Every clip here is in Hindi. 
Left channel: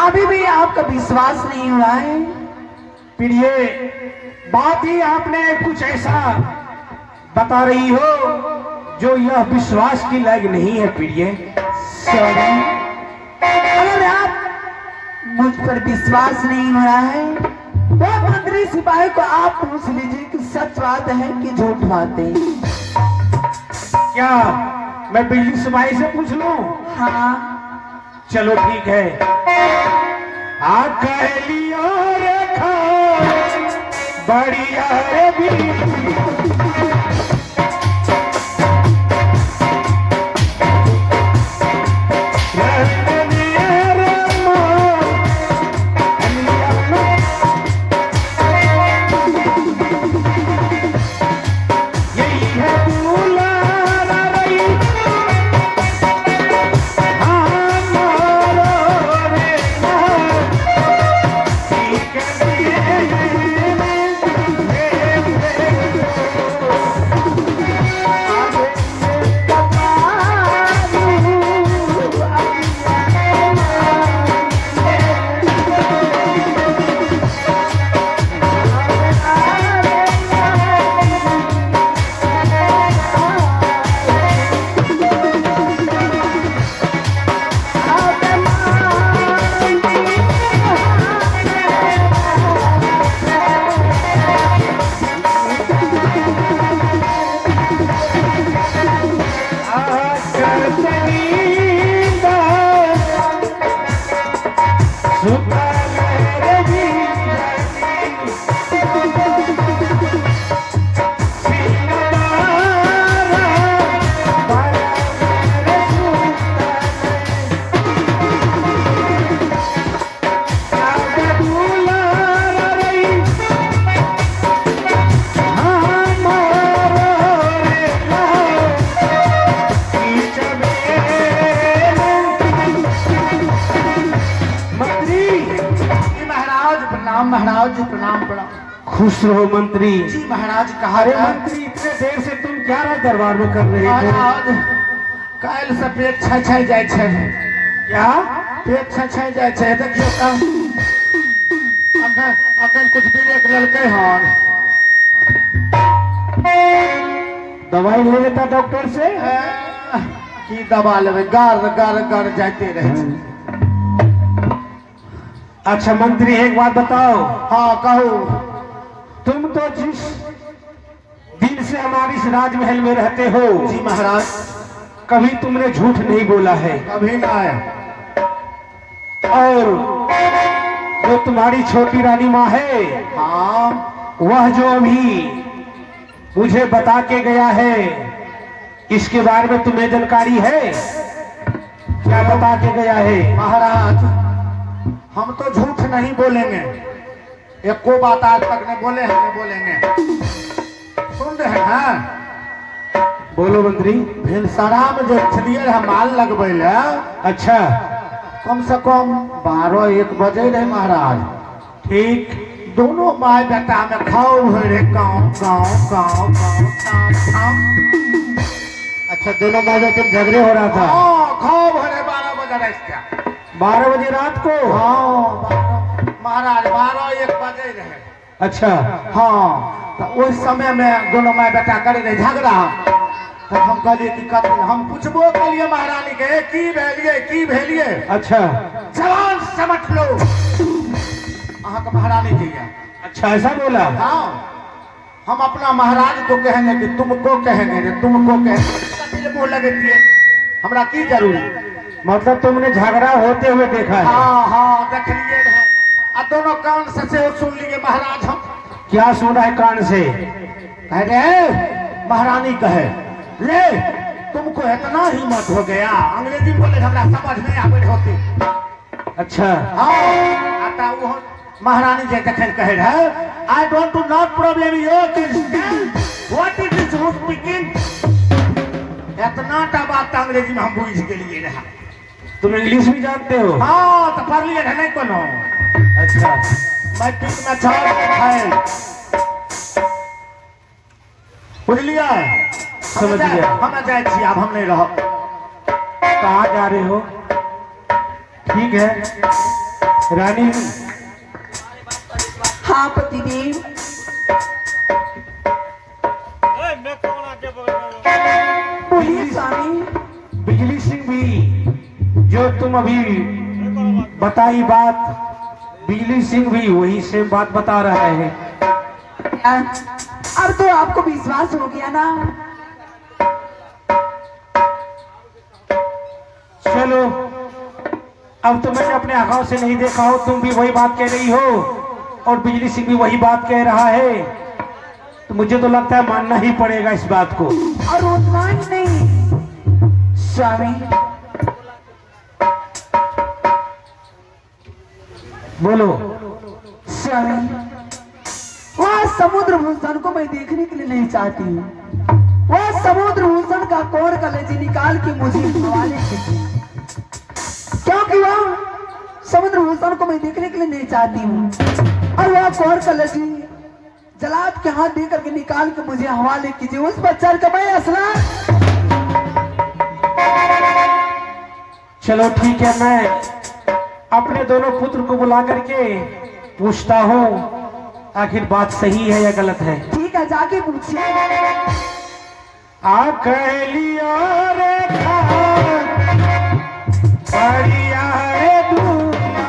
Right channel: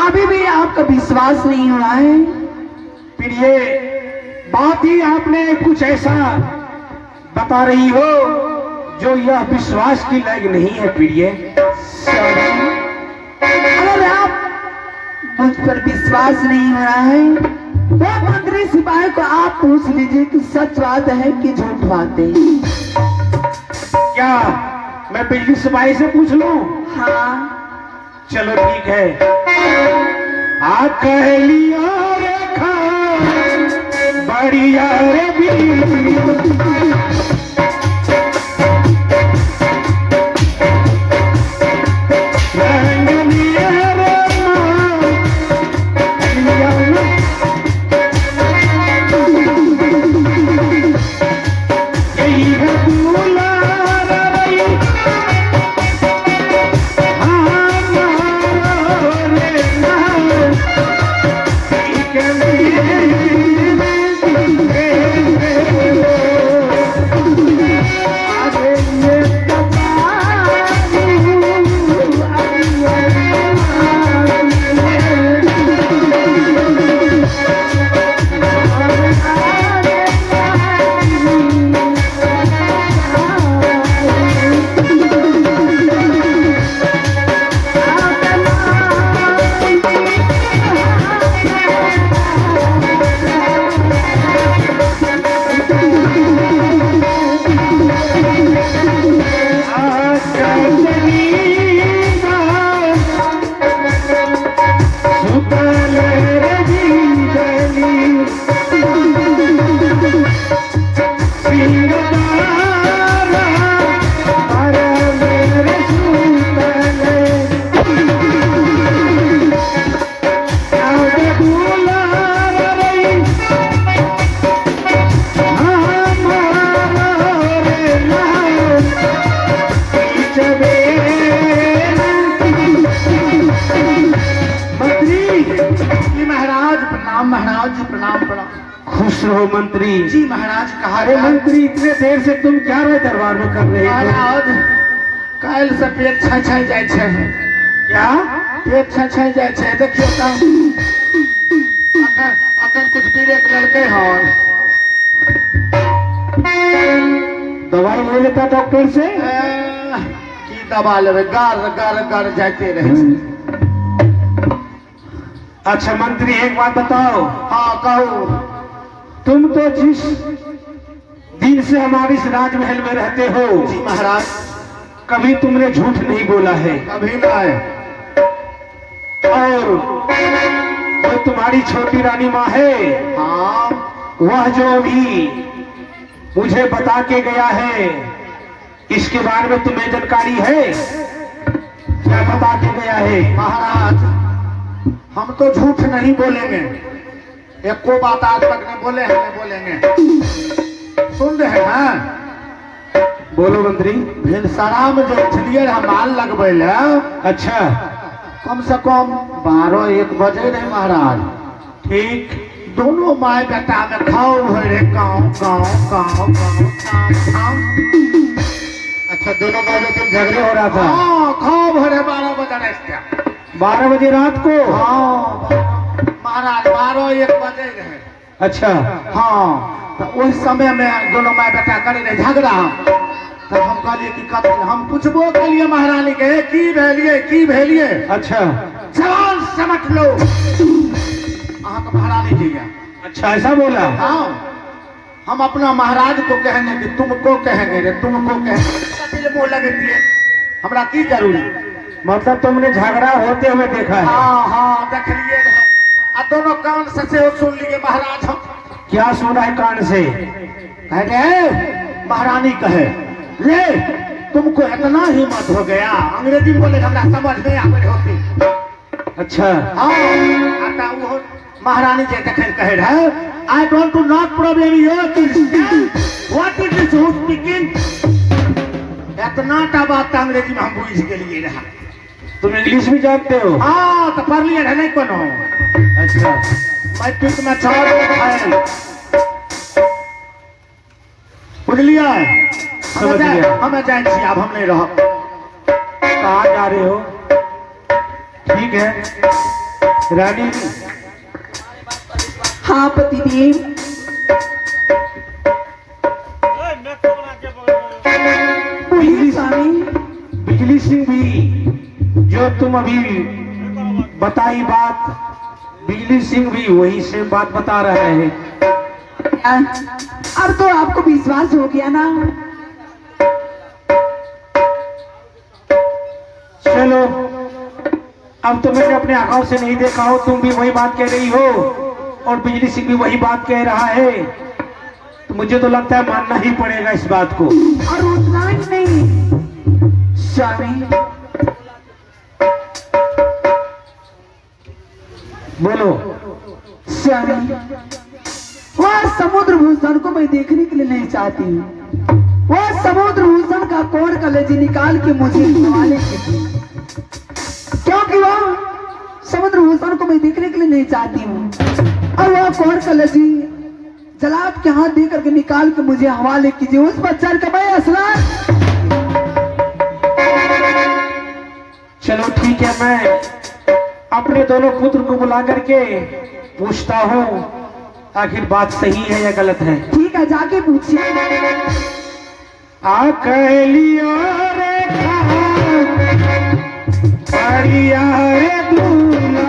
अभी भी आपका विश्वास नहीं हुआ है। प्रिय, बात ही आपने कुछ ऐसा बता रही हो जो यह विश्वास की लायक नहीं है। प्रिय, अगर आप मुझ पर विश्वास नहीं हो रहा है तो मंत्री सिपाही को आप पूछ लीजिए कि सच बात है कि झूठ बात है। क्या मैं बिजली सिपाही से पूछ लूं? हाँ चलो ठीक है। कह लिया रखा बढ़िया रे भी खुश रहो मंत्री जी महाराज। कहा अरे मंत्री, इतने देर से तुम क्या रहे दरबार में कर रहे थे? कल से पेट छछाई जाए छे। क्या पेट छछाई जाए छे? देखिए अगर अगर कुछ ब्रेक ललके हां दवाई ले लेता डॉक्टर से। की दवा लेवे? गार गार गार जाते रहे। अच्छा मंत्री, एक बात बताओ। हाँ कहो। तुम तो जिस दिन से हमारे इस राजमहल में रहते हो जी महाराज, कभी तुमने झूठ नहीं बोला है। कभी नहीं। और वो तुम्हारी छोटी रानी माँ है, हाँ वह जो भी मुझे बता के गया है, इसके बारे में तुम्हें जानकारी है? क्या बता के गया है? महाराज, हम तो झूठ नहीं बोलेंगे। एक को बात आज तक नहीं बोले हैं, नहीं बोलेंगे। सुन रहे हैं? बोलो मंत्री। भिनसरा में जो छलिए माल लगबे ले, अच्छा, कम से कम 12-1 बजे रहे महाराज। ठीक। दोनों माय बेटा में खाओ हो रहे गाँव गाँव गाँव गाँव। अच्छा, दोनों माँ बेटे झगड़े हो रहा था? हाँ, खाओ भरे 12 बजे रहे। 12 बजे रात को? हाँ महाराज, 12-1 बजे रहे। अच्छा। हाँ, तो उस समय में दोनों माय बेटा करे रहे झगड़ा। तब हम कहलिए कि कथी, हम पूछबो कलिए महारानी के की भेलिए की भेलिए। अच्छा। जान समझ लो अहाँ का महारानी जी है। अच्छा ऐसा बोला? हाँ, हम अपना महाराज को कहेंगे कि तुमको कहेंगे कि तुमको कहेंगे, मुंह लगती है हमरा की जरूरी। मतलब तुमने झगड़ा होते हुए देखा है? हाँ हाँ देख लिए है, अब दोनों कान से वो सुन लिए महाराज। हम क्या सुना है कान से? अरे महारानी कहे ले तुमको इतना हिम्मत हो गया, अंग्रेजी बोले हमरा समझ नहीं आवे होती। अच्छा हाँ आता वो महारानी जी जखन कहे रहे I don't to not problem your what is this who speaking, इतना टा बात अंग्रेजी में हम बुझ गेलिए रहा। तुम इंग्लिश भी जानते हो? हाँ तो पढ़ लिए नहीं कोनो। अच्छा मैट्रिक में 6 आए बुझलिए? समझ गया। हमें जाए छी, अब हम नहीं रह। कहाँ जा रहे हो? ठीक है रानी। हाँ पतिदेव। बोलिए स्वामी। बिजली सिंह भी जो तुम अभी बताई बात, बिजली सिंह भी वही सेम बात बता रहा है। अब तो आपको विश्वास हो गया ना? चलो अब तो मैंने अपने आंखों से नहीं देखा हो, तुम भी वही बात कह रही हो और बिजली सिंह भी वही बात कह रहा है, तो मुझे तो लगता है मानना ही पड़ेगा इस बात को। और उतना ही नहीं स्वामी, बोलो। स्वामी वह समुद्र भूषण को मैं देखने के लिए नहीं चाहती हूँ। वह समुद्र भूषण का कोर कलेजी निकाल के मुझे हवाले कीजिए, क्योंकि वह समुद्र भूषण को मैं देखने के लिए नहीं चाहती हूँ। और वह कोर कलेजी जलाद के हाथ दे करके निकाल के मुझे हवाले कीजिए। उस पर चढ़ के मैं असला। चलो ठीक है, मैं अपने दोनों पुत्र को बुला करके पूछता हूँ आखिर बात सही है या गलत है। ठीक है जाके पूछिए। आ कह लिया रे करिया रे दूल्हा,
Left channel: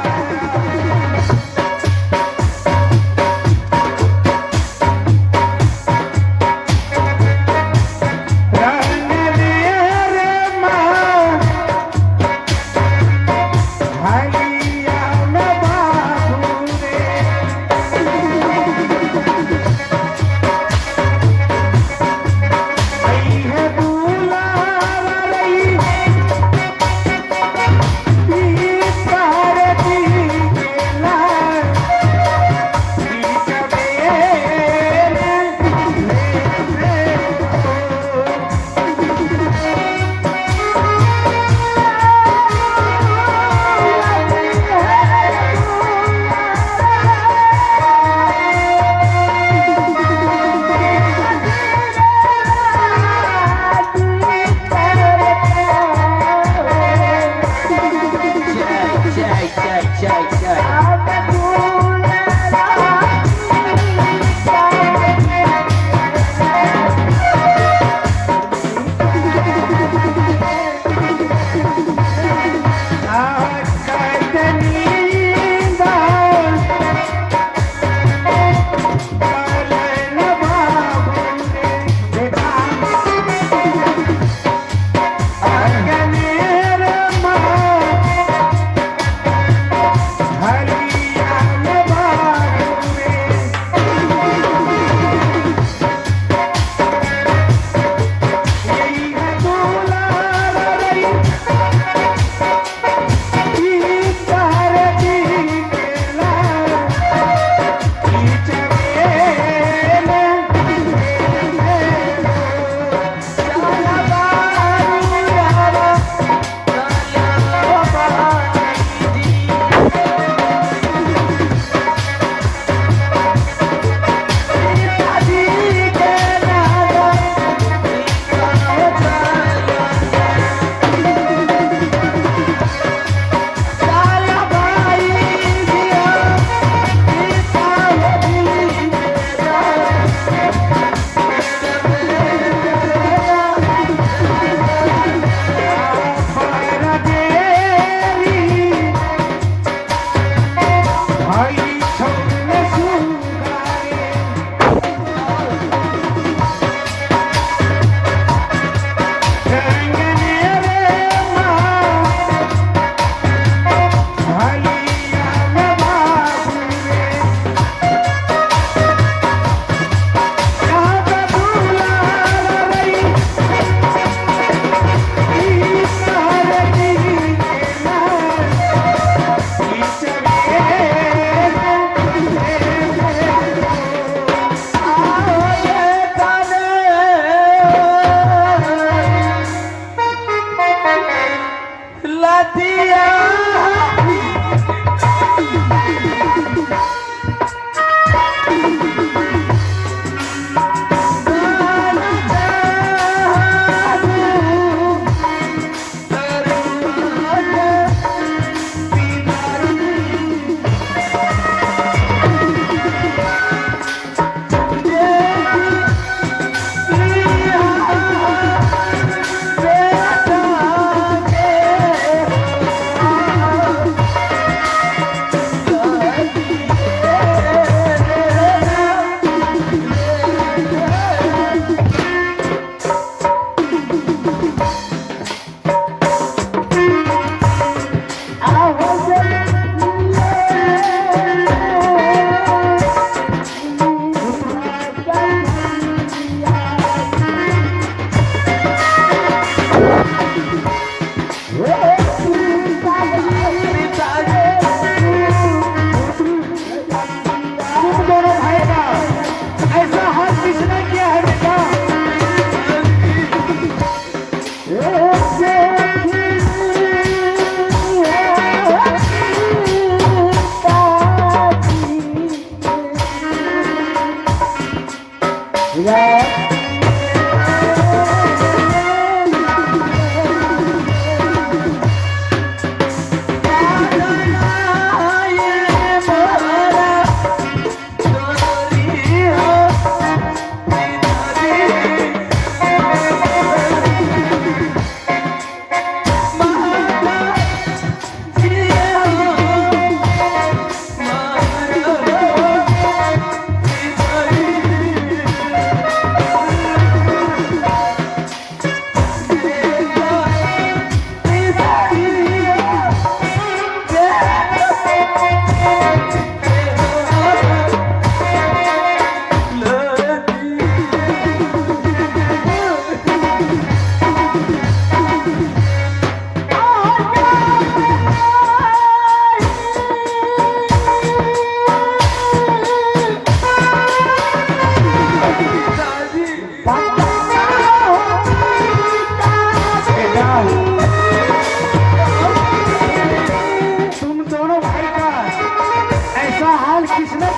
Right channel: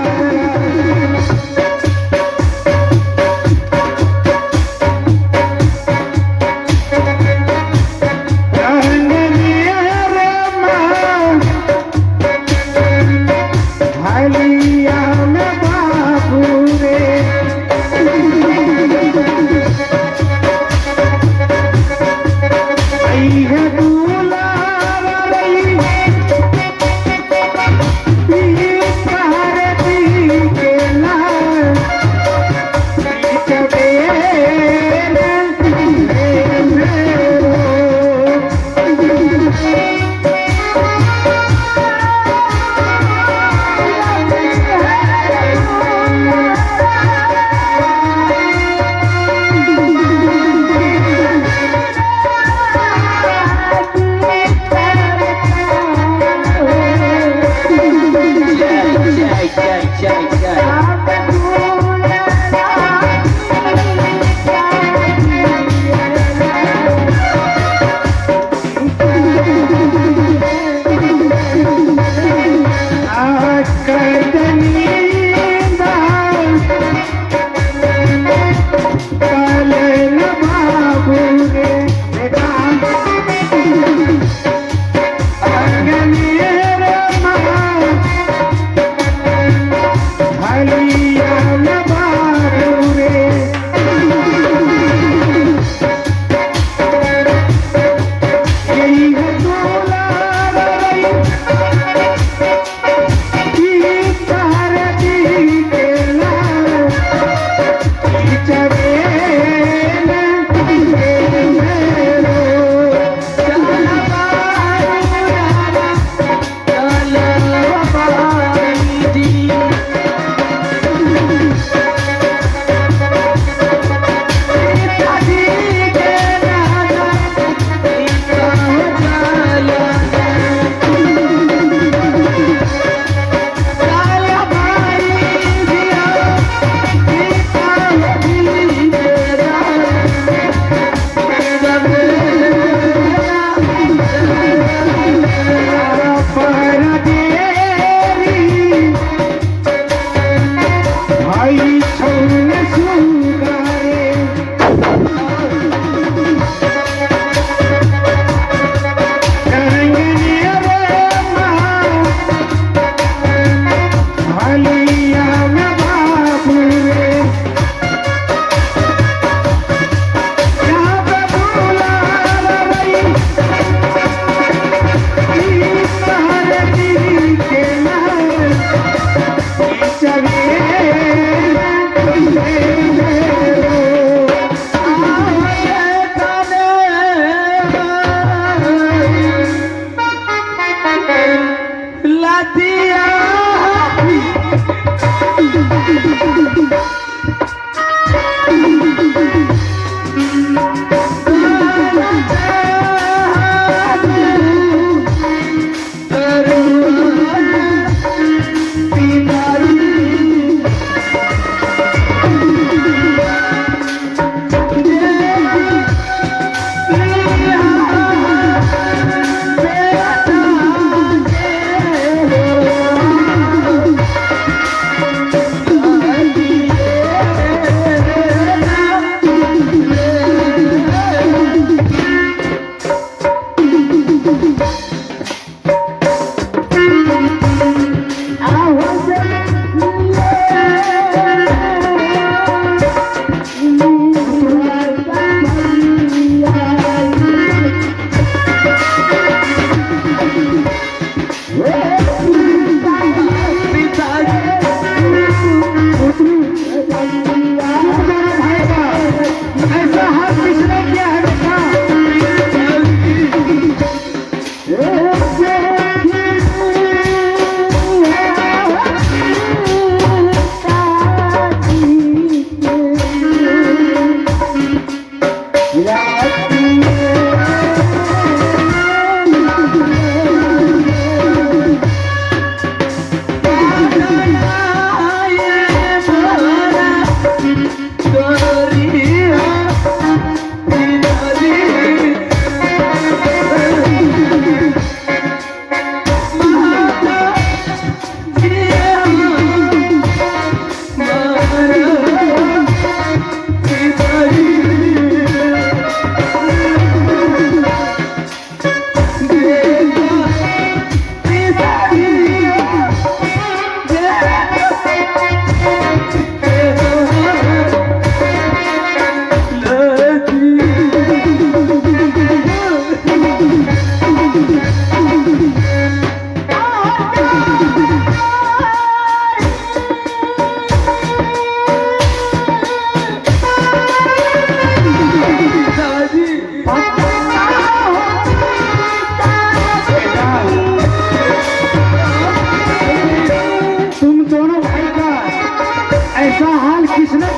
रंग लिया रे माँ भलिया में बाबू रे, आई है दूल्हा रई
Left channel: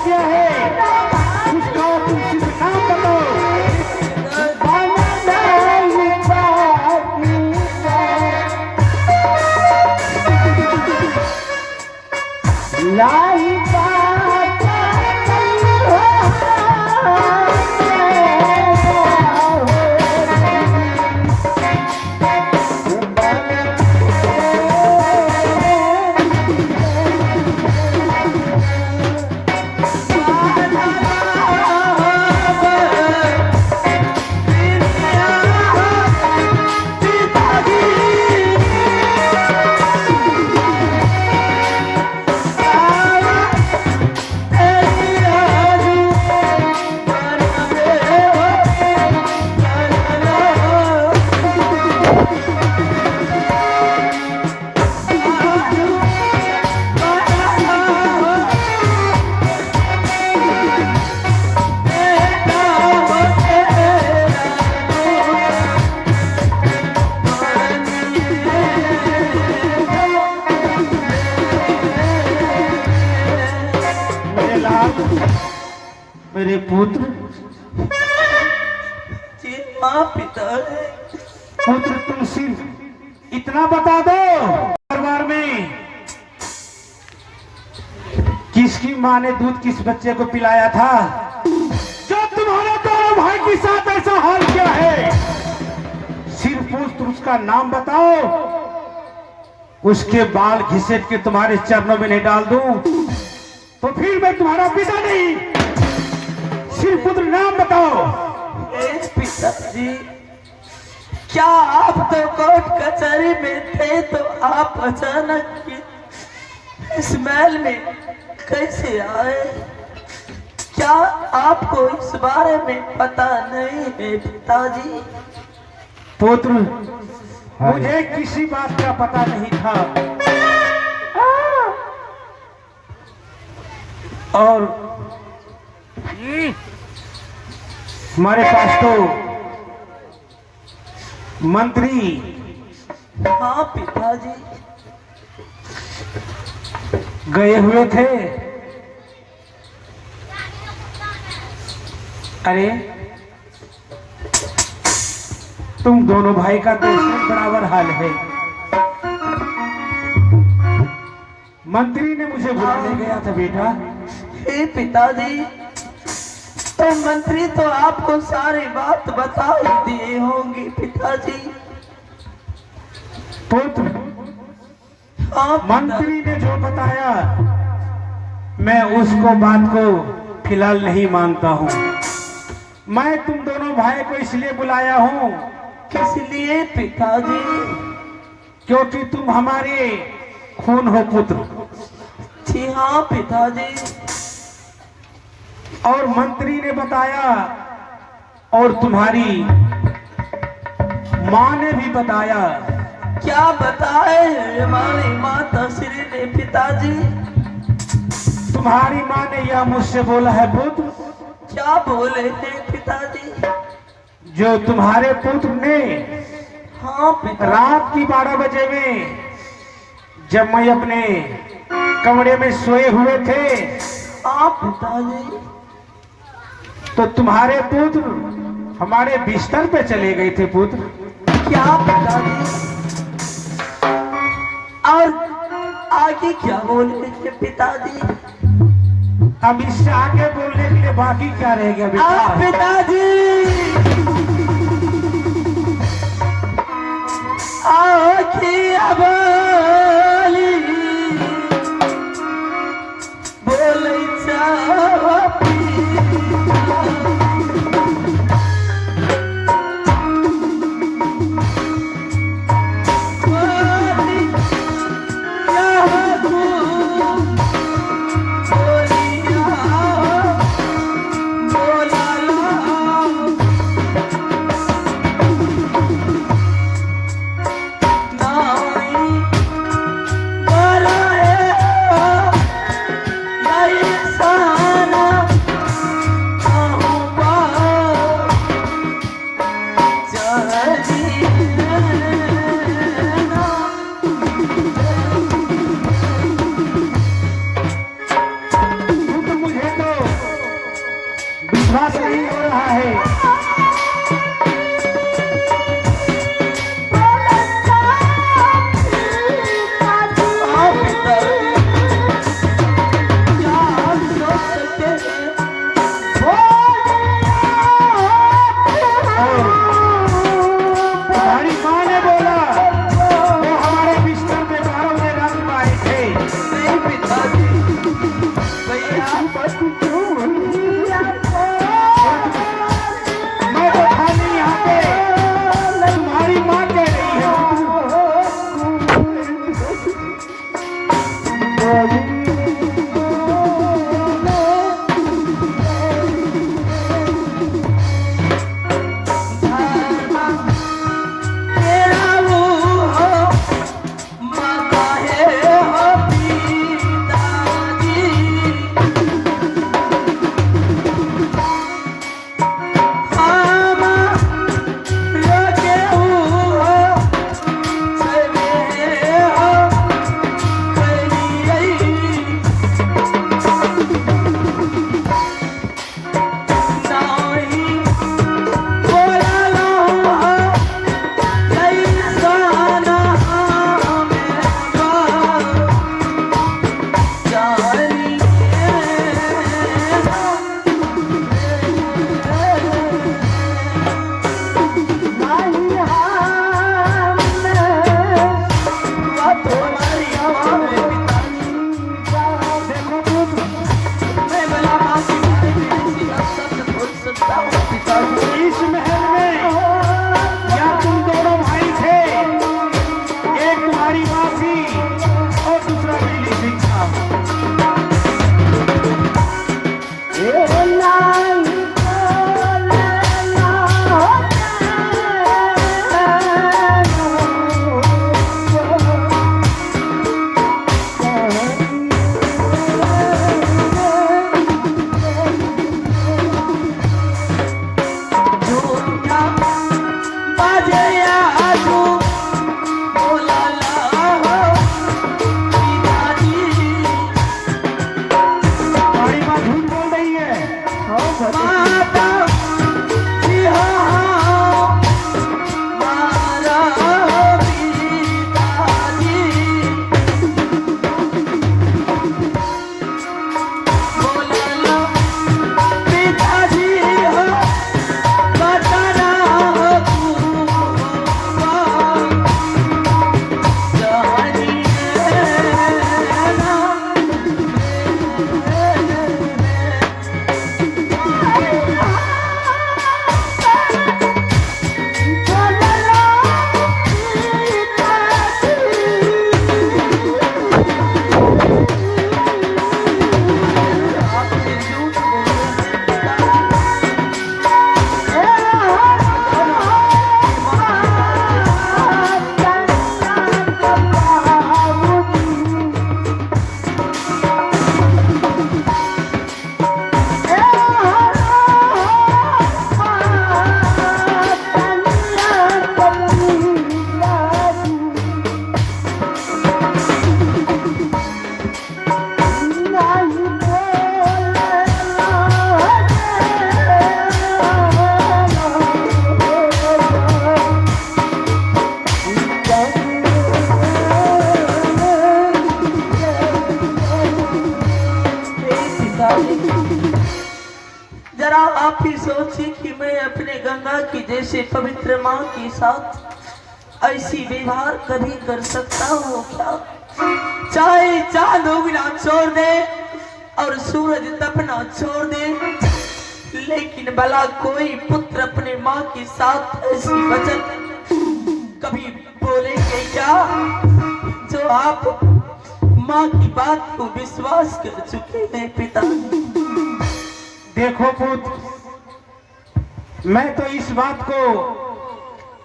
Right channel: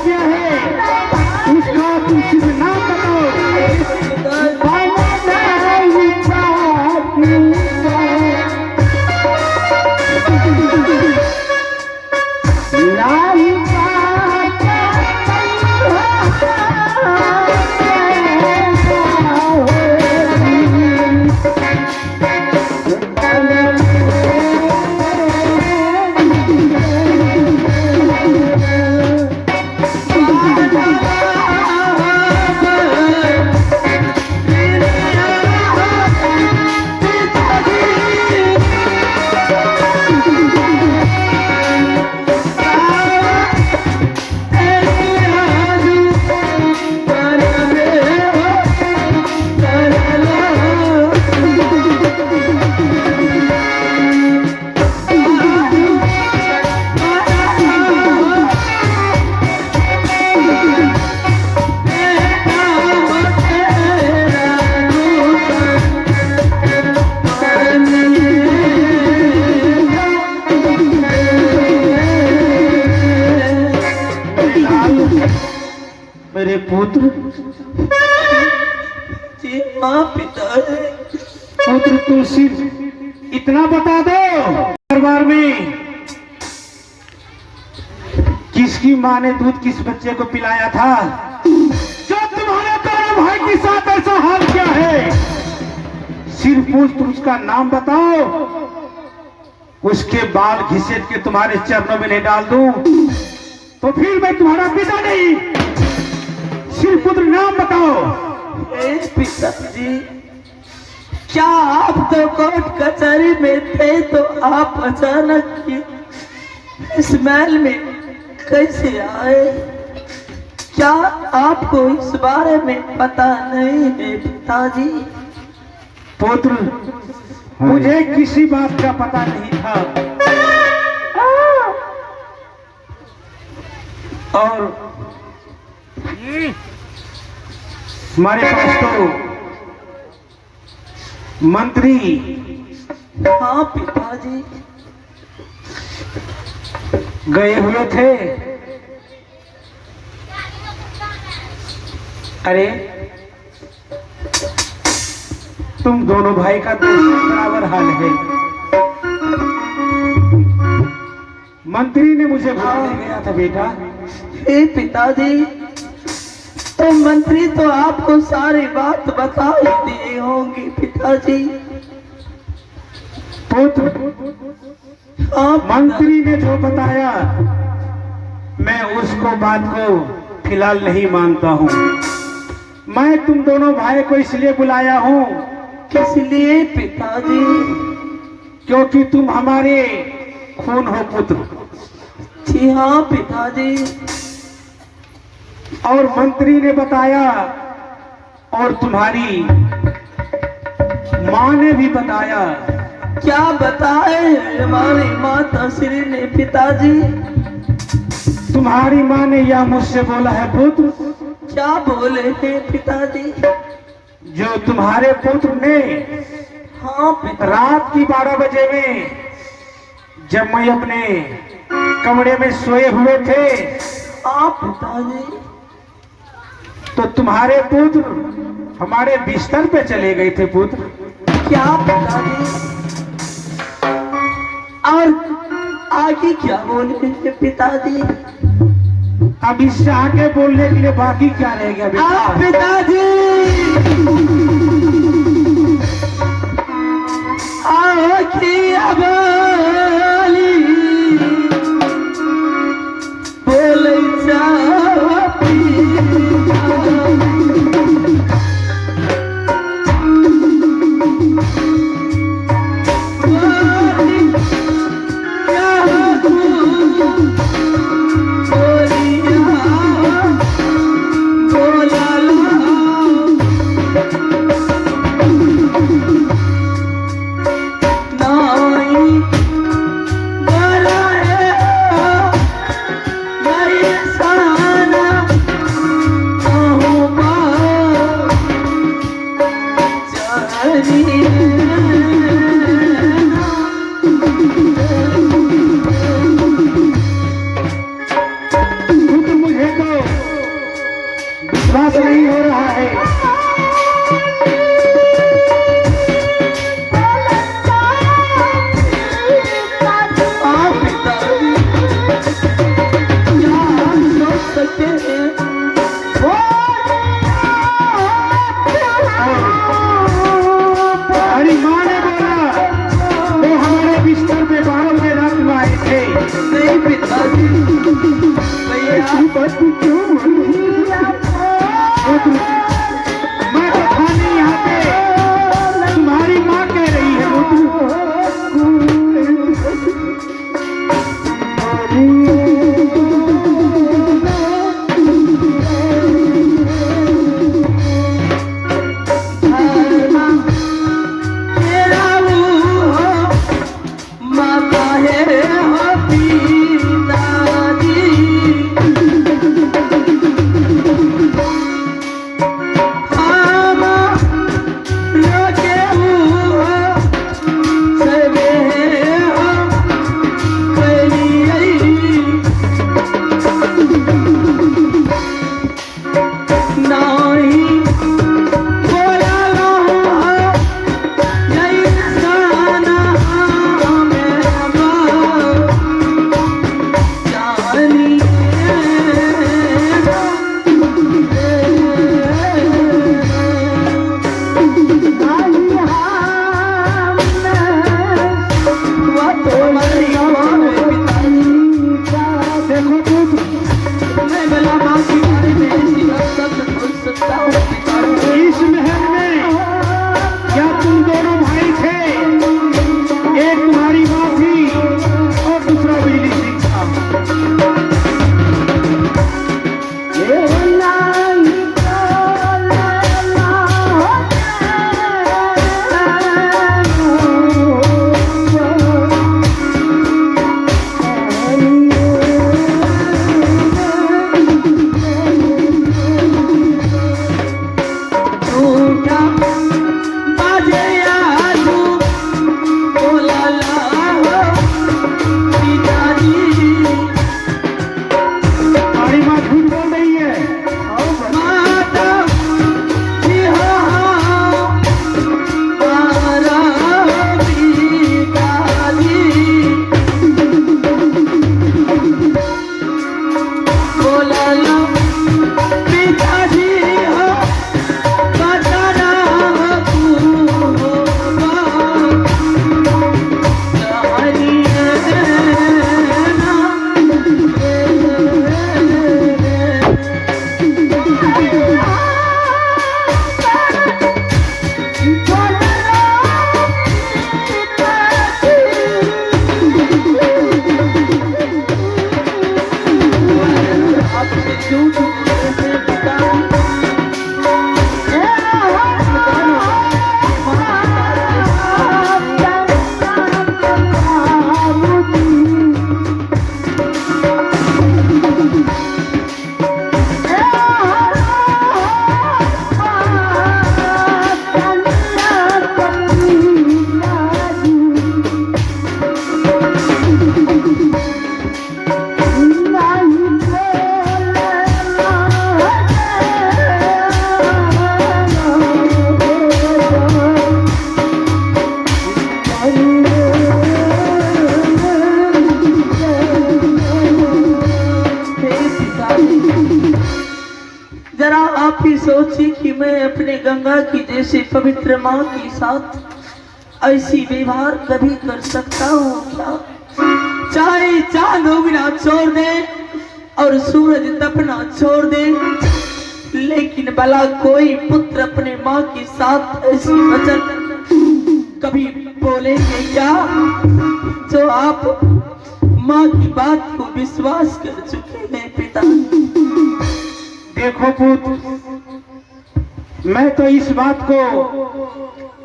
क्या है उसका तुम सिर्फ नाम बताओ। मेरे पुत्र जी हाँ पिताजी। पुत्र तुम सिर्फ इतना बता दो दरबार में किसकी माँ ने दूध किस बच्चे को पिलाया था जो तुम्हारे दोनों भाई के साथ ऐसा हाल क्या है। सिर्फ पुत्र उसका नाम बताओ, उसके बाल घिसेट के तुम्हारे चरणों में नहीं डाल दूं तो फिर मैं तुम्हारा पिता नहीं। सिर्फ पुत्र नाम बताओ। पिताजी क्या आप तो कोर्ट कचहरी में थे तो आप अचानक इस महल में कैसे आए? क्या आपको इस बारे में पता नहीं है पिताजी? पुत्र मुझे किसी बात का पता नहीं था और हमारे पास तो मंत्री हाँ पिताजी गए हुए थे। अरे तुम दोनों भाई का तो बराबर हाल है। मंत्री ने मुझे बुलाने गया था बेटा। हे पिताजी तो मंत्री तो आपको सारी बात बता ही दिए होंगे पिताजी। पुत्र हाँ मंत्री ने जो बताया मैं उसको बात को फिलहाल नहीं मानता हूँ। मैं तुम दोनों भाई को इसलिए बुलाया हूँ किस लिए पिताजी? क्योंकि तुम हमारे खून हो पुत्र। जी हाँ पिताजी। और मंत्री ने बताया और तुम्हारी माँ ने भी बताया। क्या बताए हमारी माता श्री ने पिताजी? तुम्हारी माँ ने यह मुझसे बोला है पुत्र। क्या बोले हैं पिताजी? जो तुम्हारे पुत्र ने हाँ पिता। रात की 12 बजे में जब मैं अपने कमरे में सोए हुए थे हाँ पिताजी। तो तुम्हारे पुत्र हमारे बिस्तर पे चले गए थे पुत्र। क्या पिताजी? और आगे क्या बोले थे पिताजी? अब इससे आगे बोलने के लिए बाकी क्या रह गया बेटा? पिताजी आओ किया बोली बोले जाती बोला आप ही सोचिए कि मैं अपने गंगा की जैसे पवित्र माँ के साथ ऐसी व्यवहार कभी कर सकता हूँ क्या? चाहे चांद उगना छोड़ दे और सूरज तपना छोड़ दे, लेकिन भला कोई पुत्र अपने माँ के साथ ऐसी वचन कभी बोलेंगे क्या? जो आप माँ की बात को विश्वास कर चुके हैं पिता। देखो पुत्र, मैं तो इस बात को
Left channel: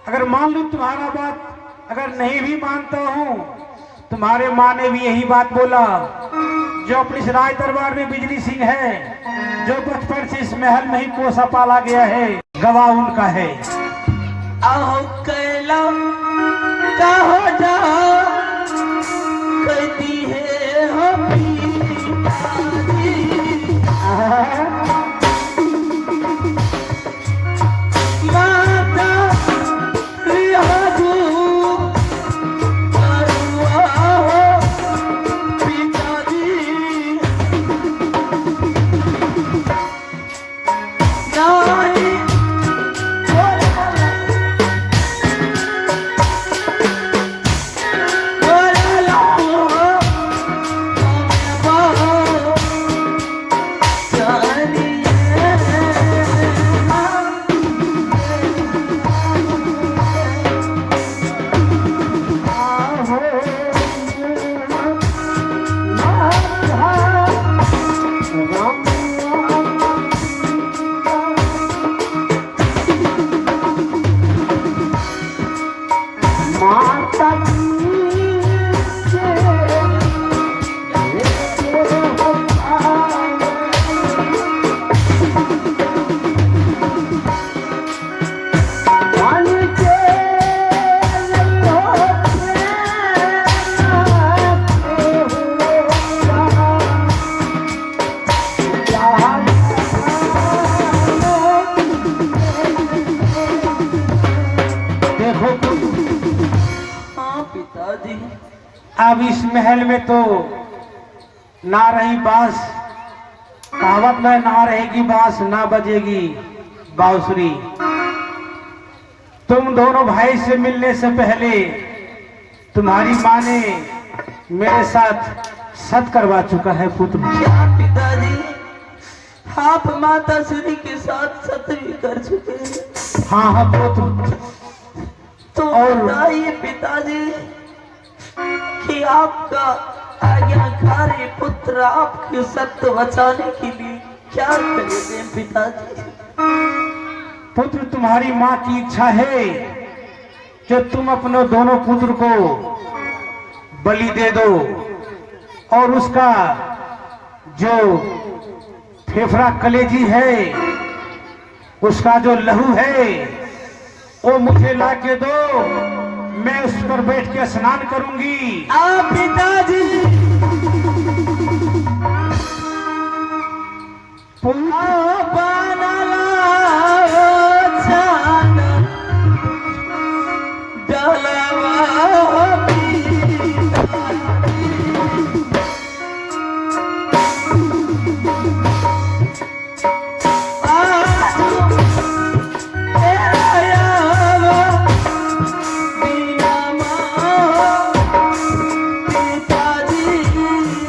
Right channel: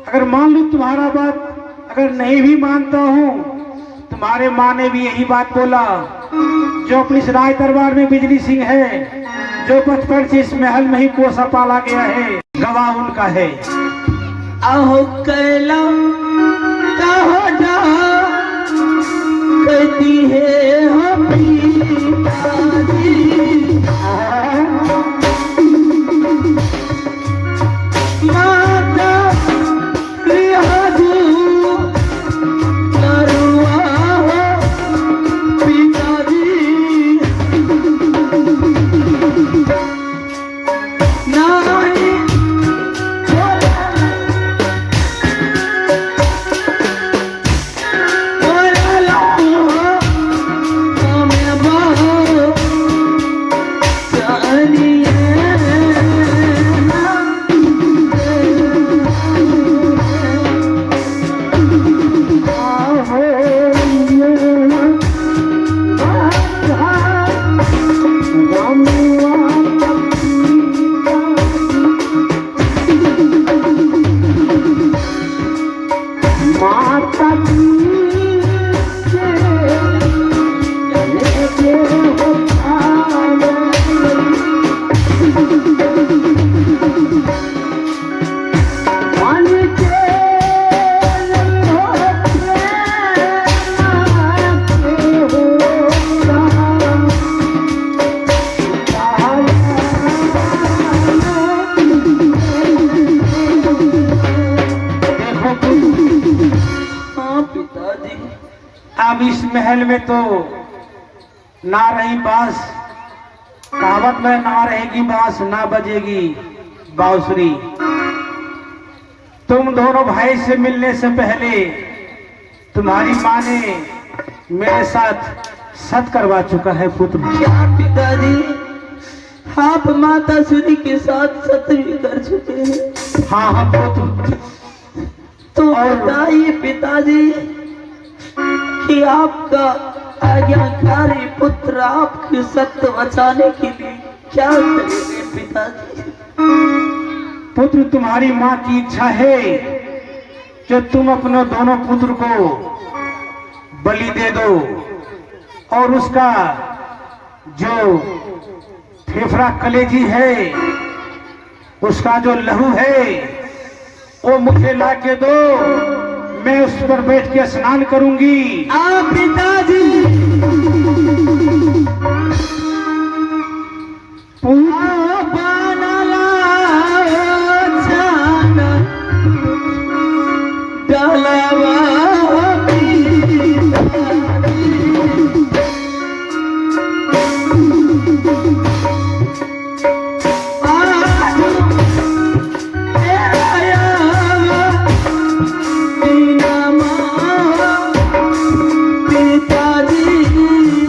अगर मान लूं तुम्हारा बात अगर नहीं भी मानता हूँ, तुम्हारे माँ ने भी यही बात बोला जो अपने इस राज दरबार में बिजली सिंह है, जो बचपन से इस महल में ही पोसा पाला गया है, गवाह उनका है। आहो कैला कहा जा कहती है हम माता रिहाजू करुआ हो पिताजी नानी अब इस महल में तो ना रही बांस, कहावत में ना रहेगी बांस ना बजेगी बांसुरी। तुम दोनों भाई से मिलने से पहले तुम्हारी माँ ने मेरे साथ सत करवा चुका है पुत्र। क्या पिताजी, आप माता श्री के साथ सत्य भी कर चुके हैं? हाँ हाँ पुत्र। तो बताइए पिताजी कि आपका आज्ञाकारी पुत्र आपके सत्य बचाने के लिए क्या करेंगे पिताजी? पुत्र, तुम्हारी माँ की इच्छा है कि तुम अपने दोनों पुत्र को बलि दे दो और उसका जो फेफड़ा कलेजी है, उसका जो लहू है, वो मुझे ला के दो। मैं उस पर बैठ के स्नान करूंगी। आप पिताजी पिताजी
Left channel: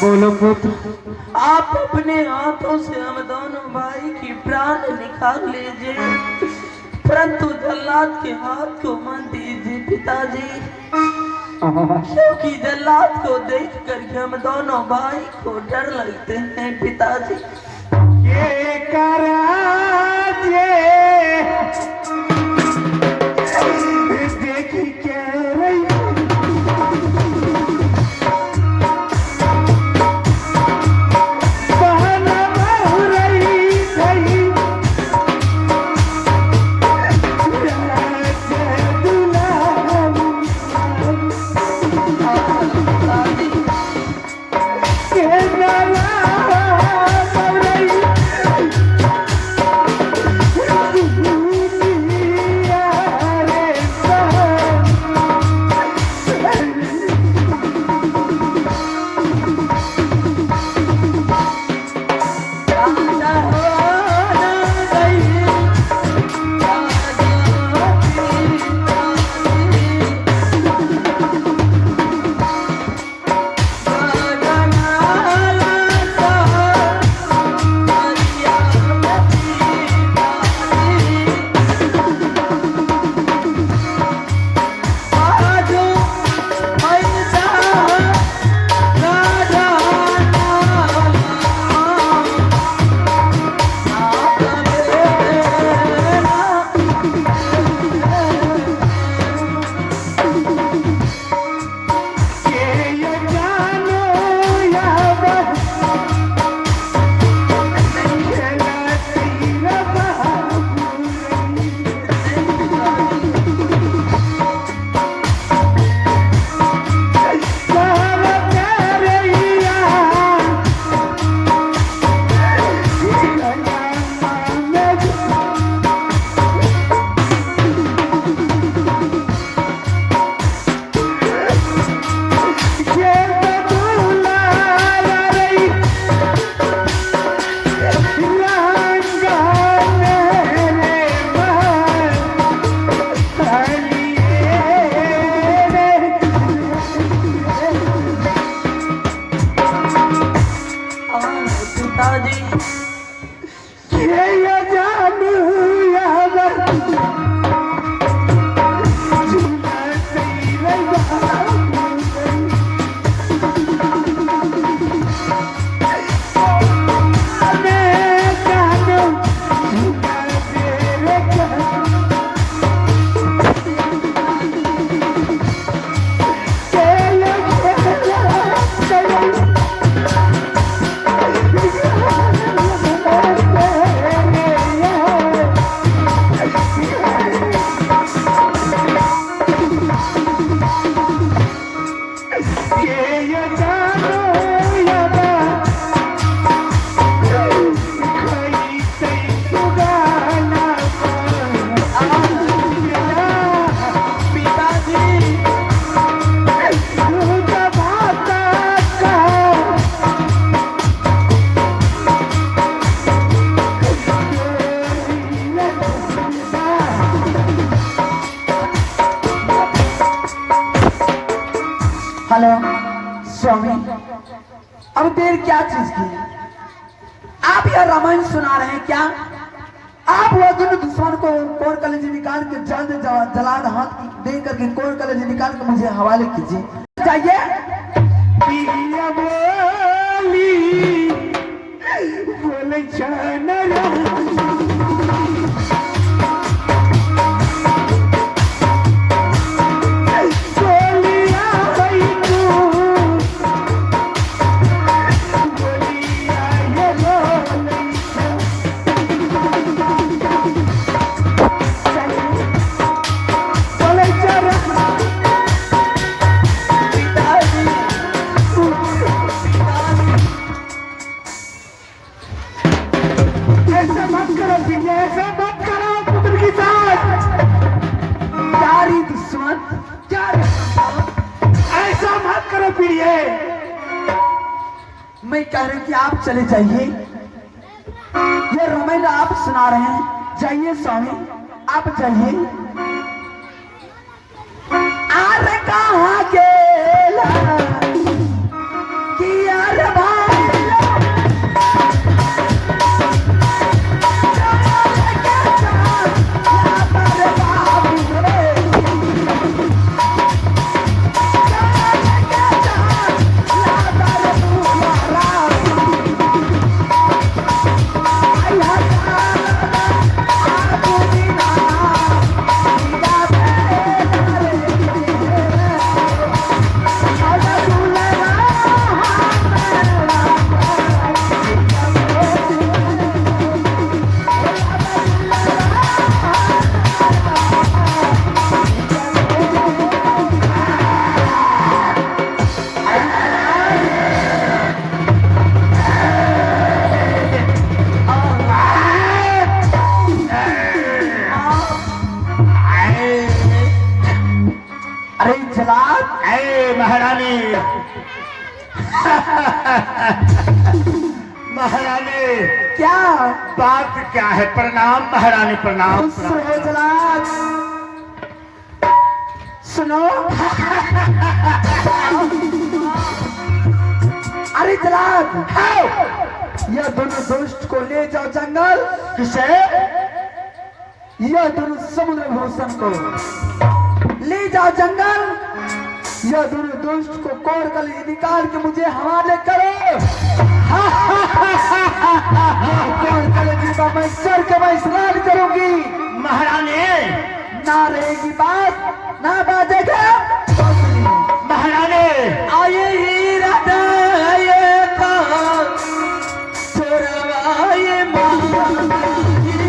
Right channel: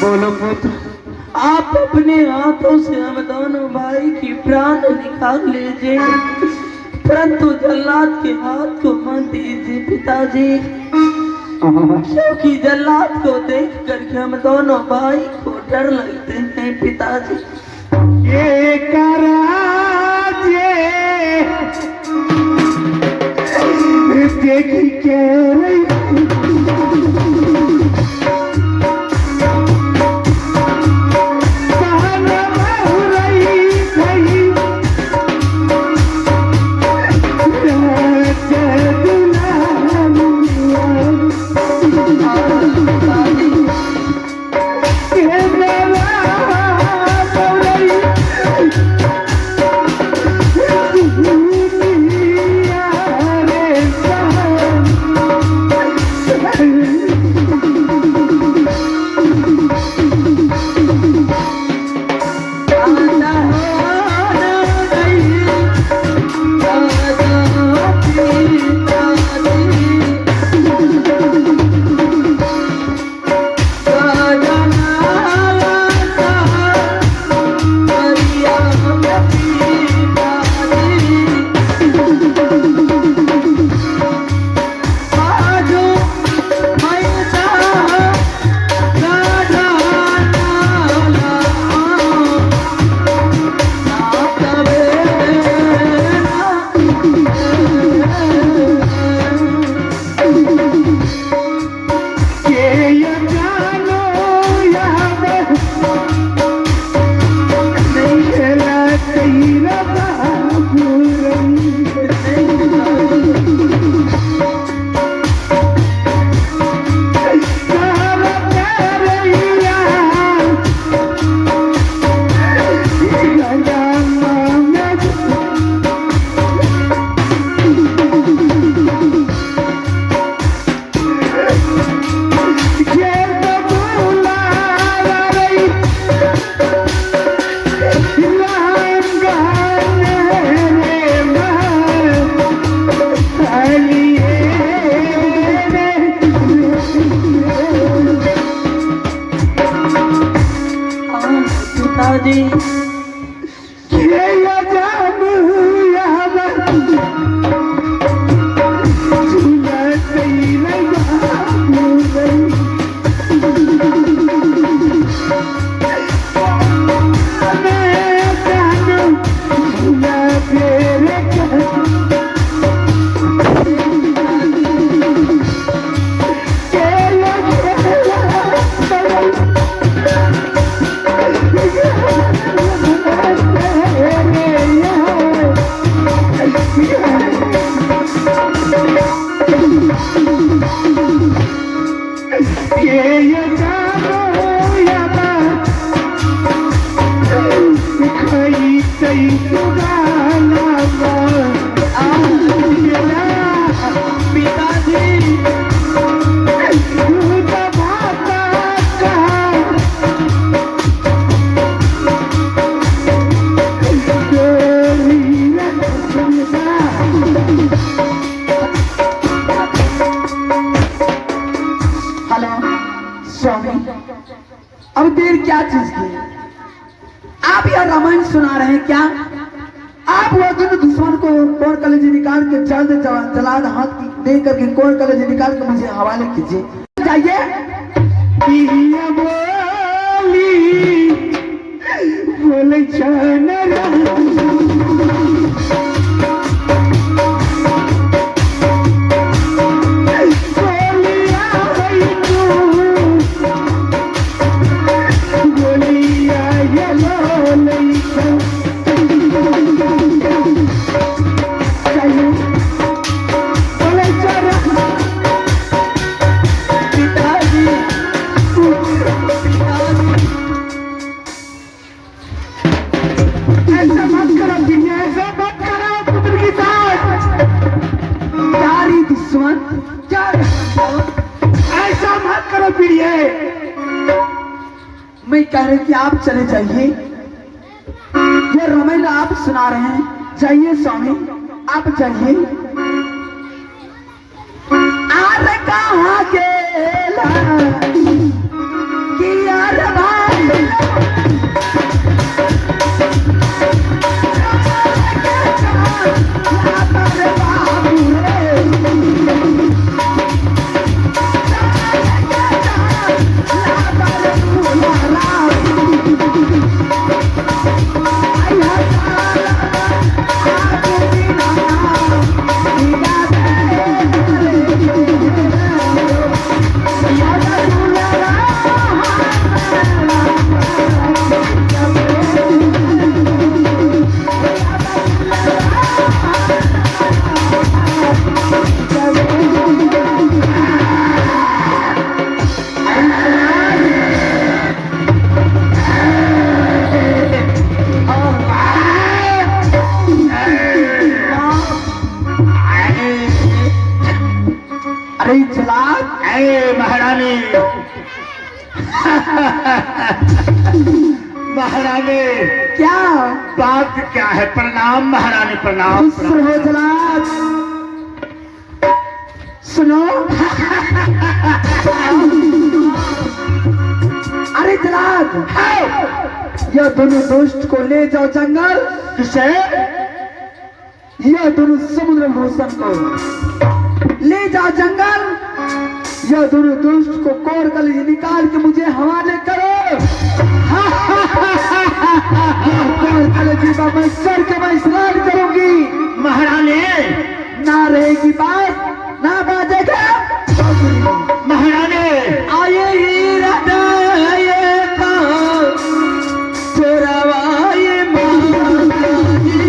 बोलो पुत्र। आप अपने हाथों से हम दोनों भाई की प्राण निकाल लीजिए, परंतु जल्लाद के हाथ को मत दीजिए पिताजी, क्योंकि जल्लाद को देख कर हम दोनों भाई को डर लगते हैं पिताजी। ये कराजे देखी के रही स्वामी, अब देर क्या चीज की? आप यह रामायण सुना रहे हैं क्या? आप लोग दुश्मन को कोर कलेजी निकाल के जलाद हाथ दे करके कोर कलेजी निकाल के मुझे हवाले कीजिए। जाइए। बोले मैं कह रही कि आप चले जाइए। ये रामायण आप सुना रहे हैं, जाइए स्वामी, आप जाइए। आर कहाँ गेला कि यार जलाद ऐ महारानी महारानी क्या बात क्या है? प्रणाम महारानी, प्रणाम खुश रहो जलाद। सुनो अरे जलाद, यह दोनों दोस्त को ले जाओ जंगल। किसे? यह दोनों समुद्र भूषण को ले जाओ जंगल। यह दोनों दोस्त को कोर कल निकाल के मुझे हवाले करो। कोर कल जीवा मैं सर के मैं स्नान करूंगी। महारानी ना रहेगी बात ना बाजेगा। महारानी आये ही रटाये था चोरावाये माताजी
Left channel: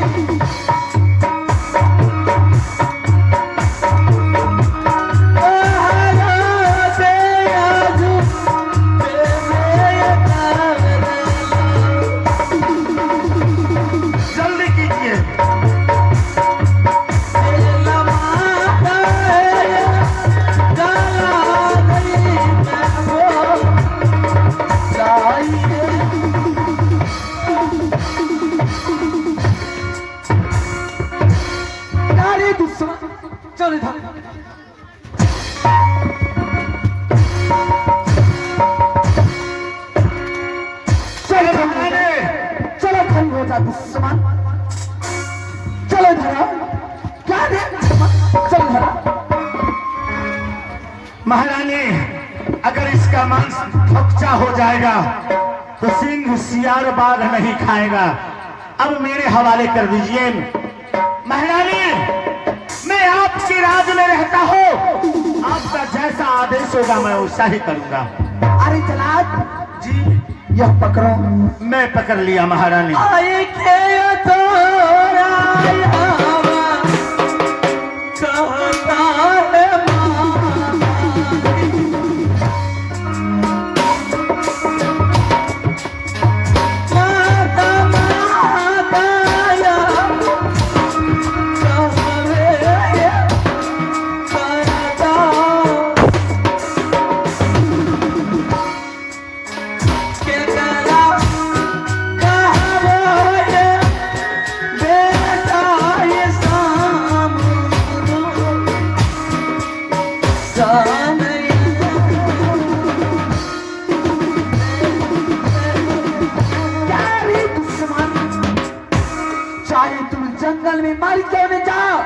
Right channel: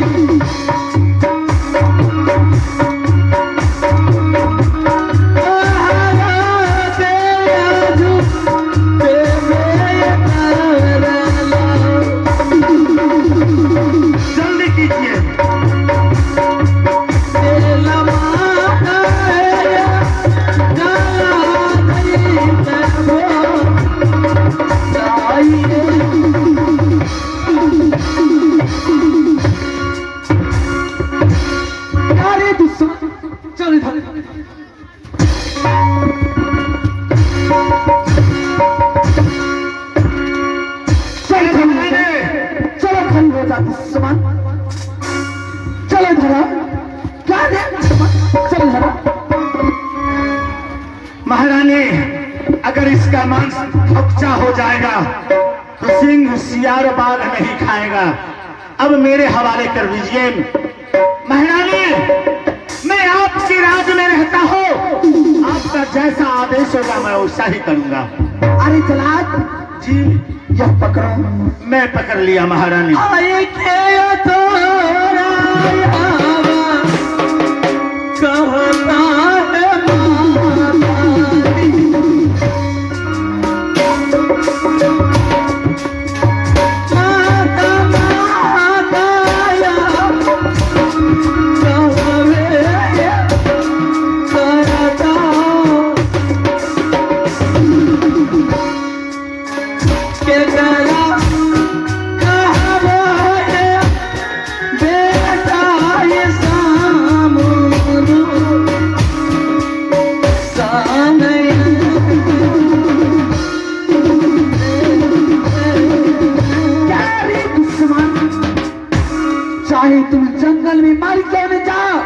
जल्दी कीजिए। अरे दुश्मन चल इधर। चलो खड़ी हो जा दुश्मन। चलो धरा क्या दे। चलो धरा। महारानी अगर इसका मांस खोखचा हो जाएगा तो सिंह सियार बाघ नहीं खाएगा। अब मेरे हवाले कर दीजिए। महारानी मैं आपके राज में रहता हूँ, आपका जैसा आदेश होगा मैं वैसा ही करूंगा। अरे जलाद जी यह पकड़ो। मैं पकड़ लिया महारानी। आये के तो चाहे तुम जंगल में मार क्यों नहीं जाओ,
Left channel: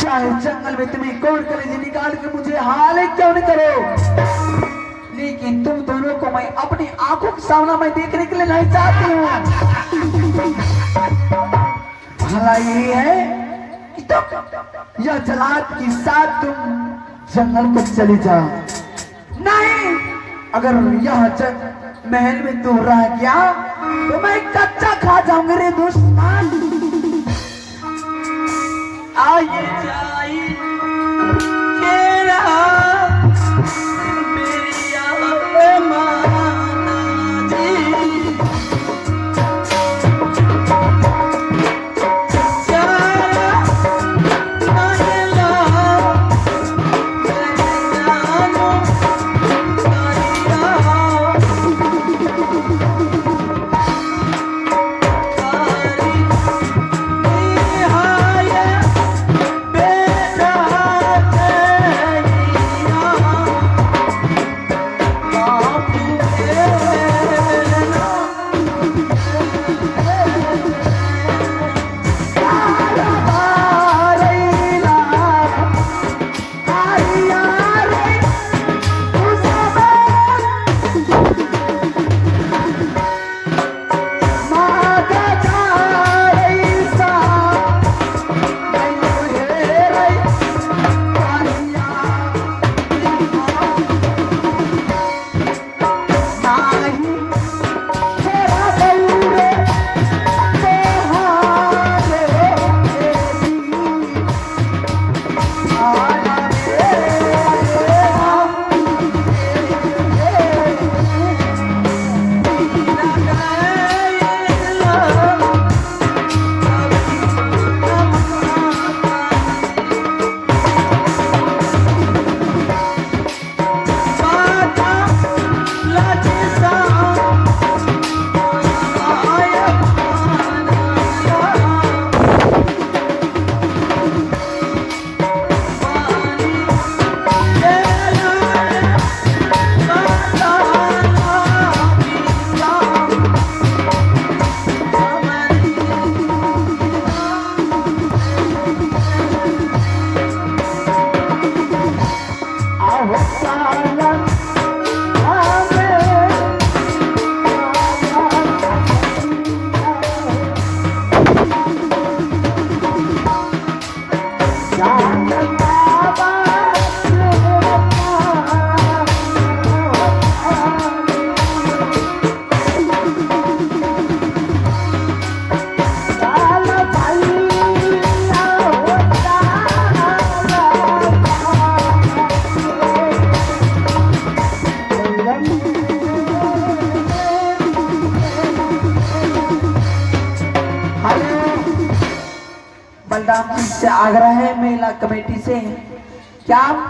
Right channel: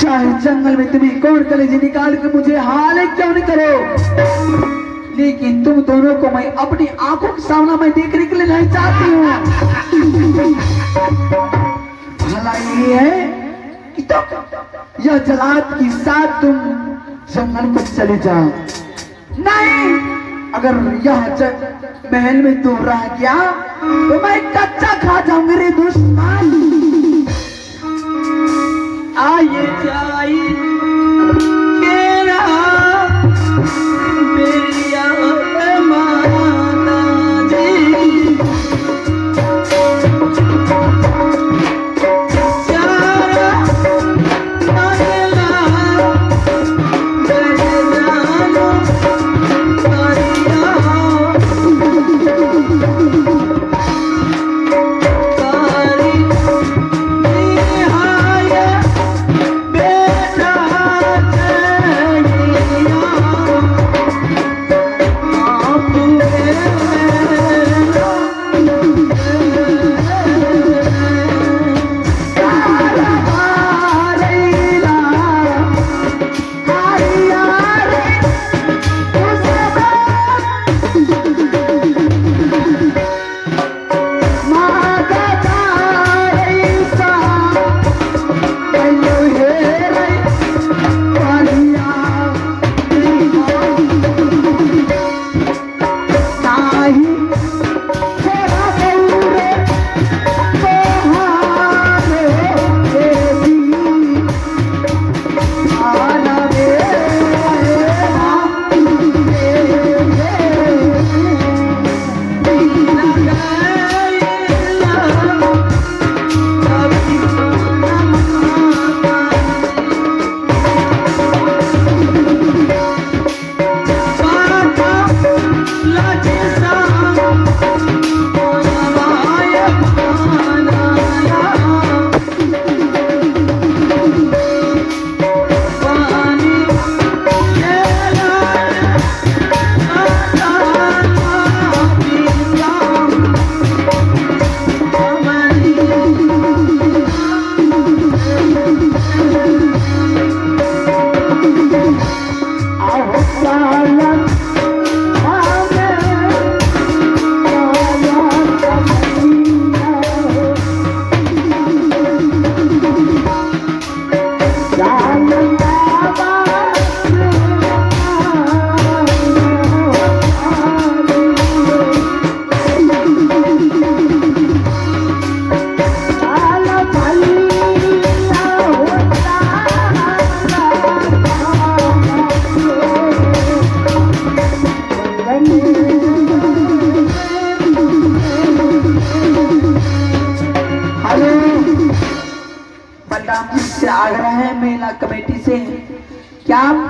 चाहे जंगल में तुम्हें कोर कलेजी निकाल के मुझे हाल क्यों नहीं करो, लेकिन तुम दोनों को मैं अपनी आंखों के सामने में देखने के लिए नहीं चाहती हूँ। भला ये है कि तुम यह जलाद के साथ तुम जंगल को चले जाओ। नहीं, अगर यह महल में तू रह गया तो मैं कच्चा खा जाऊंगी रे दुश्मन। आइए जाइए बेटा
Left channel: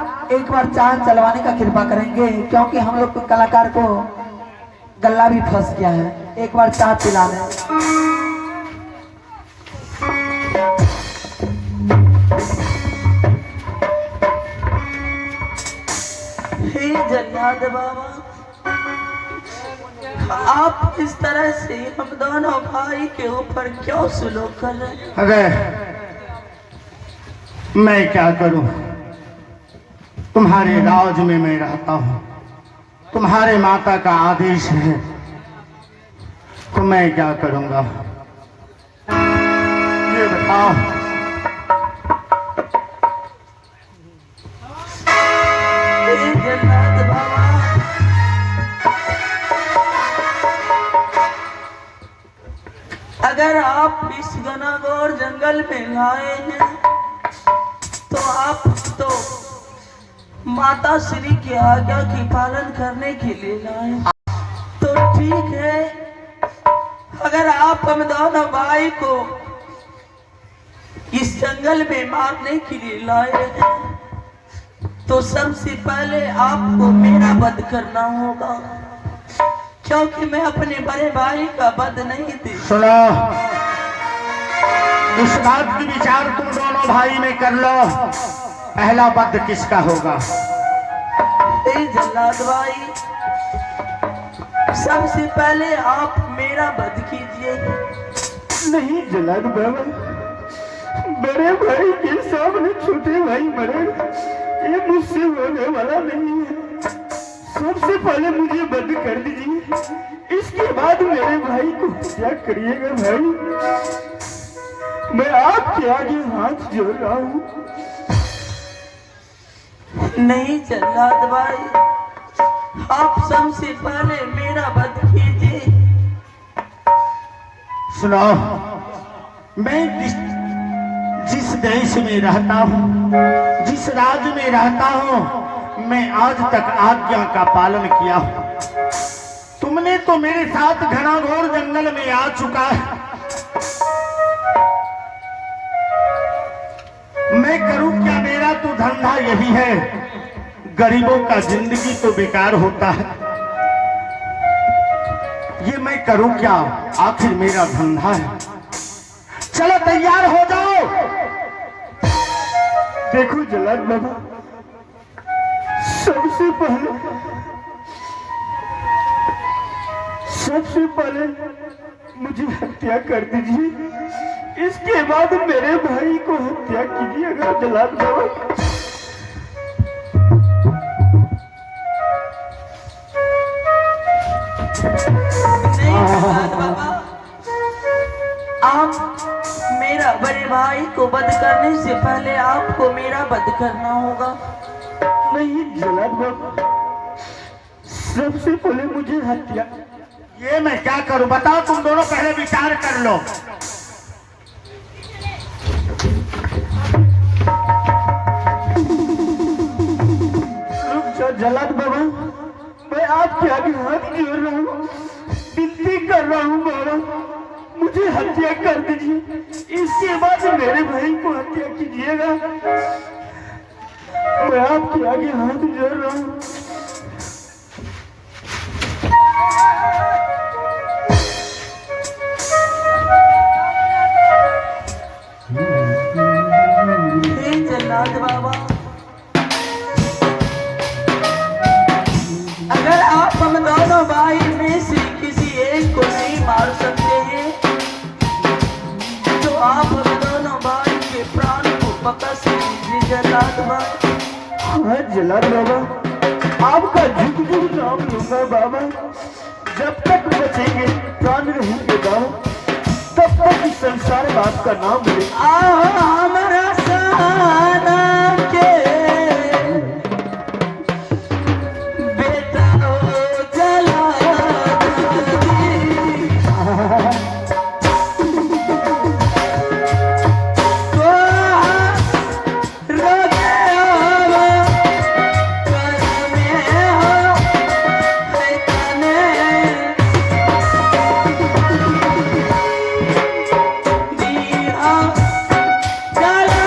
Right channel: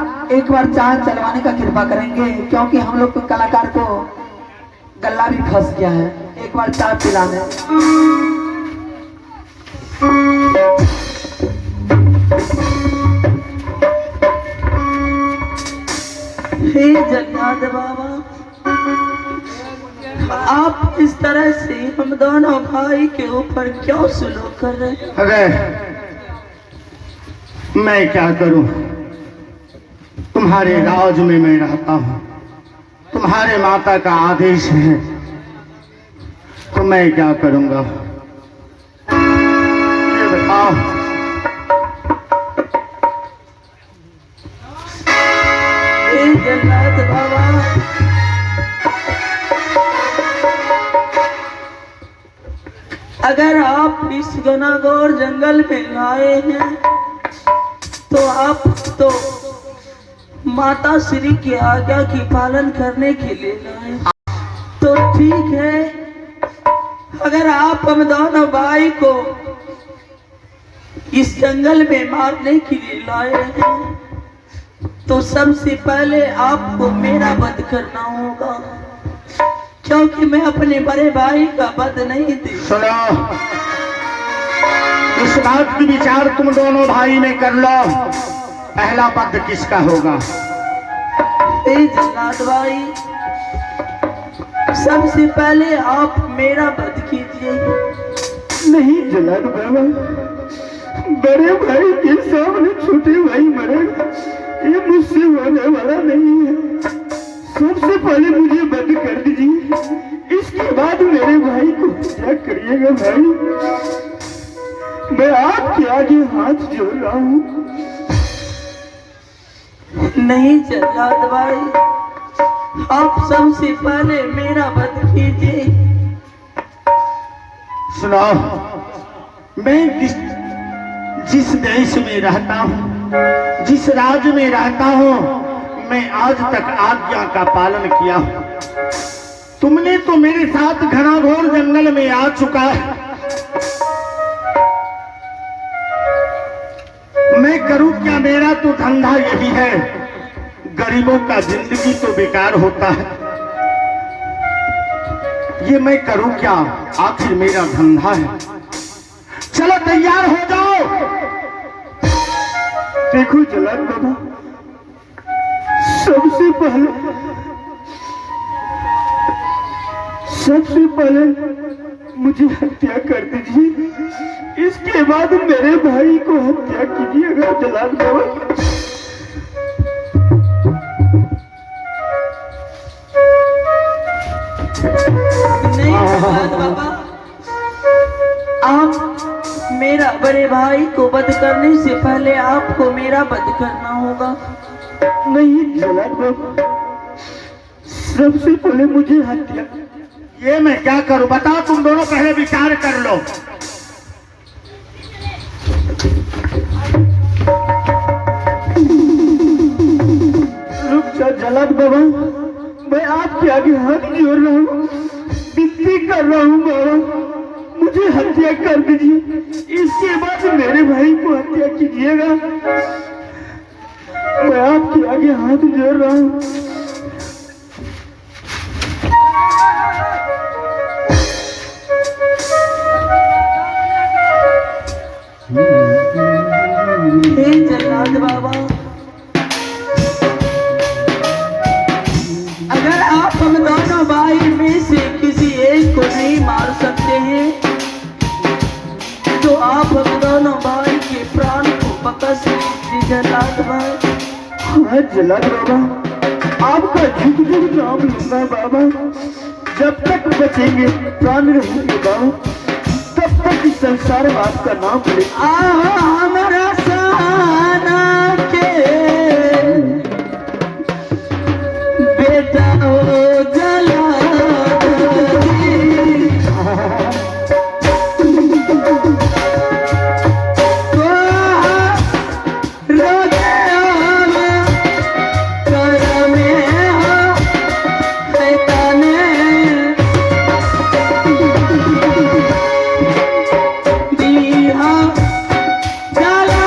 आप एक बार चांद चलवाने का कृपा करेंगे, क्योंकि हम लोग के कलाकार को गला भी फंस गया है। एक बार चाय पिलाने। हे जल्लाद बाबा, आप इस तरह से हम दोनों भाई के ऊपर क्यों सुलूक कर रहे हैं? अरे मैं क्या करूं, तुम्हारे राज में मैं रहता हूं, तुम्हारे माता का आदेश है, तो मैं क्या करूंगा ये बताओ। हे जल्लाद बाबा, अगर आप इस घनाघोर जंगल में आए हैं तो आप तो माता श्री की आज्ञा की पालन करने के लिए लाए, तो ठीक है। अगर आप हम दोनों भाई को इस जंगल में मारने के लिए लाए हैं तो सबसे पहले आपको मेरा वध करना होगा, क्योंकि मैं अपने बड़े भाई का वध नहीं दे। सुनो, इस बात की विचार तुम दोनों भाई में कर लो, पहला वध किसका होगा। हे जल्लाद भाई, सबसे पहले आप मेरा वध कीजिए। नहीं जलाल बाबा, बड़े भाई के सामने छोटे भाई मरेगा, ये मुझसे होने वाला नहीं है। सबसे पहले मुझे बंद कर दीजिए, इसके बाद मेरे भाई को क्या करिएगा। भाई मैं आपके आगे हाथ जोड़ रहा हूँ। नहीं जल्लाद भाई, आप सबसे पहले मेरा वध कीजिए। सुनो, मैं जिस देश में रहता हूँ, जिस राज्य में रहता हूँ, मैं आज तक आज्ञा का पालन किया हूँ। तुमने तो मेरे साथ घनाघोर जंगल में आ चुका है, मैं करूं क्या, मेरा तो धंधा यही है। गरीबों का जिंदगी तो बेकार होता है, ये मैं करूं क्या, आखिर मेरा धंधा है। चलो तैयार हो जाओ। देखो जलाल बाबा, सबसे पहले मुझे हत्या कर दीजिए, इसके बाद मेरे भाई को हत्या कीजिएगा जलाल बाबा। नहीं जल्लाद बाबा, आप मेरा बड़े भाई को वध करने से पहले आपको मेरा वध करना होगा। नहीं जलाल बाबा, सबसे पहले मुझे हत्या। ये मैं क्या करूं बताओ, तुम दोनों पहले विचार कर लो। रुक जा जलाल बाबा, मैं आपके आगे हाथ जोड़ रहा हूँ, विनती कर रहा हूँ बाबा, मुझे हत्या कर दीजिए, इसके बाद मेरे भाई को हत्या कीजिएगा। मैं आपके आगे हाथ जोड़ रहा हूँ। हे जल्लाद बाबा, अगर आप हम दोनों भाई में से किसी एक को नहीं मार सकते हैं तो आप हम दोनों भाई के प्राण को बकस लीजिए जल्लाद भाई। हाँ जलाल बाबा, आपका झुक झुक नाम लूंगा बाबा, जब तक बचेंगे प्राण रहेंगे बाबा, तब तक इस संसार में आपका नाम लेंगे। हमारा सहाना के बेटा हो जल्लाद जी, को रोजे आवा कर में हो शैताने दिया जला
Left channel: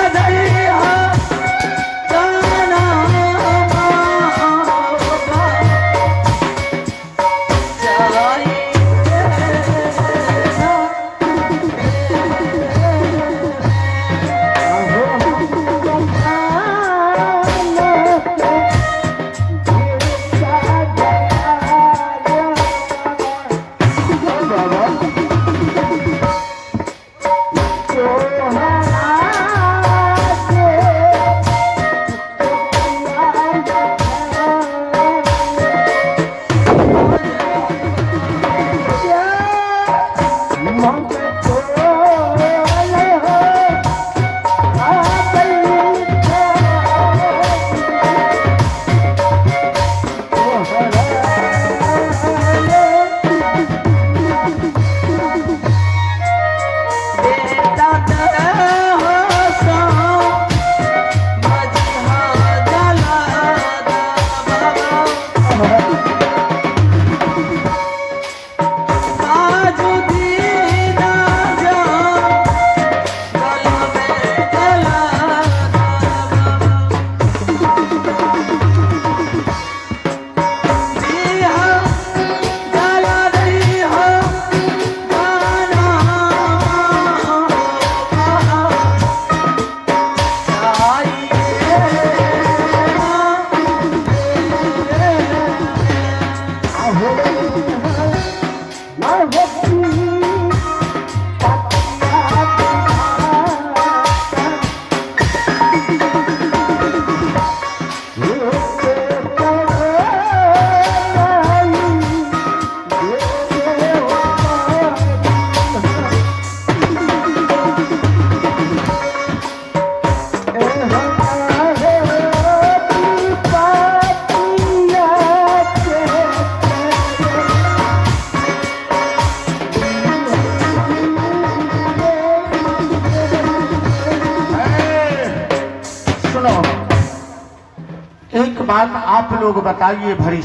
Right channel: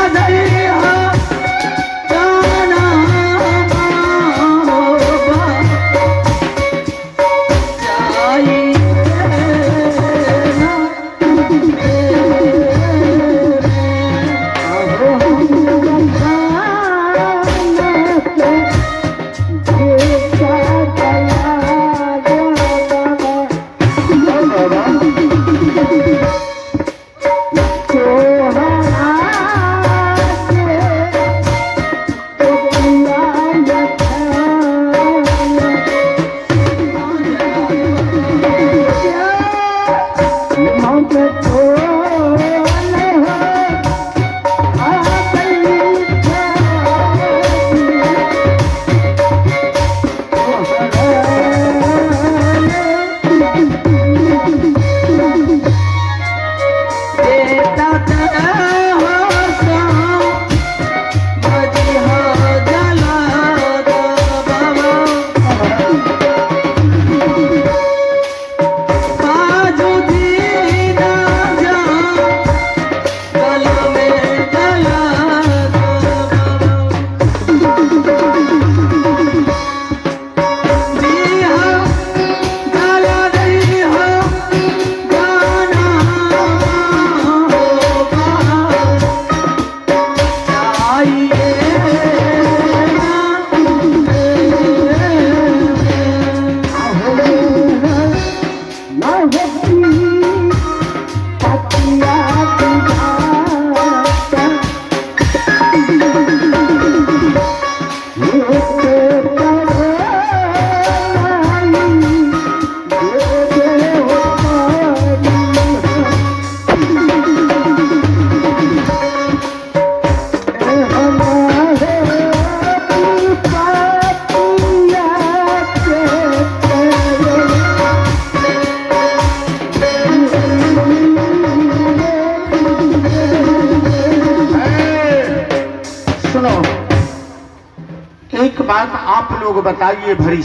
एक बात आप लोग बताइए भरी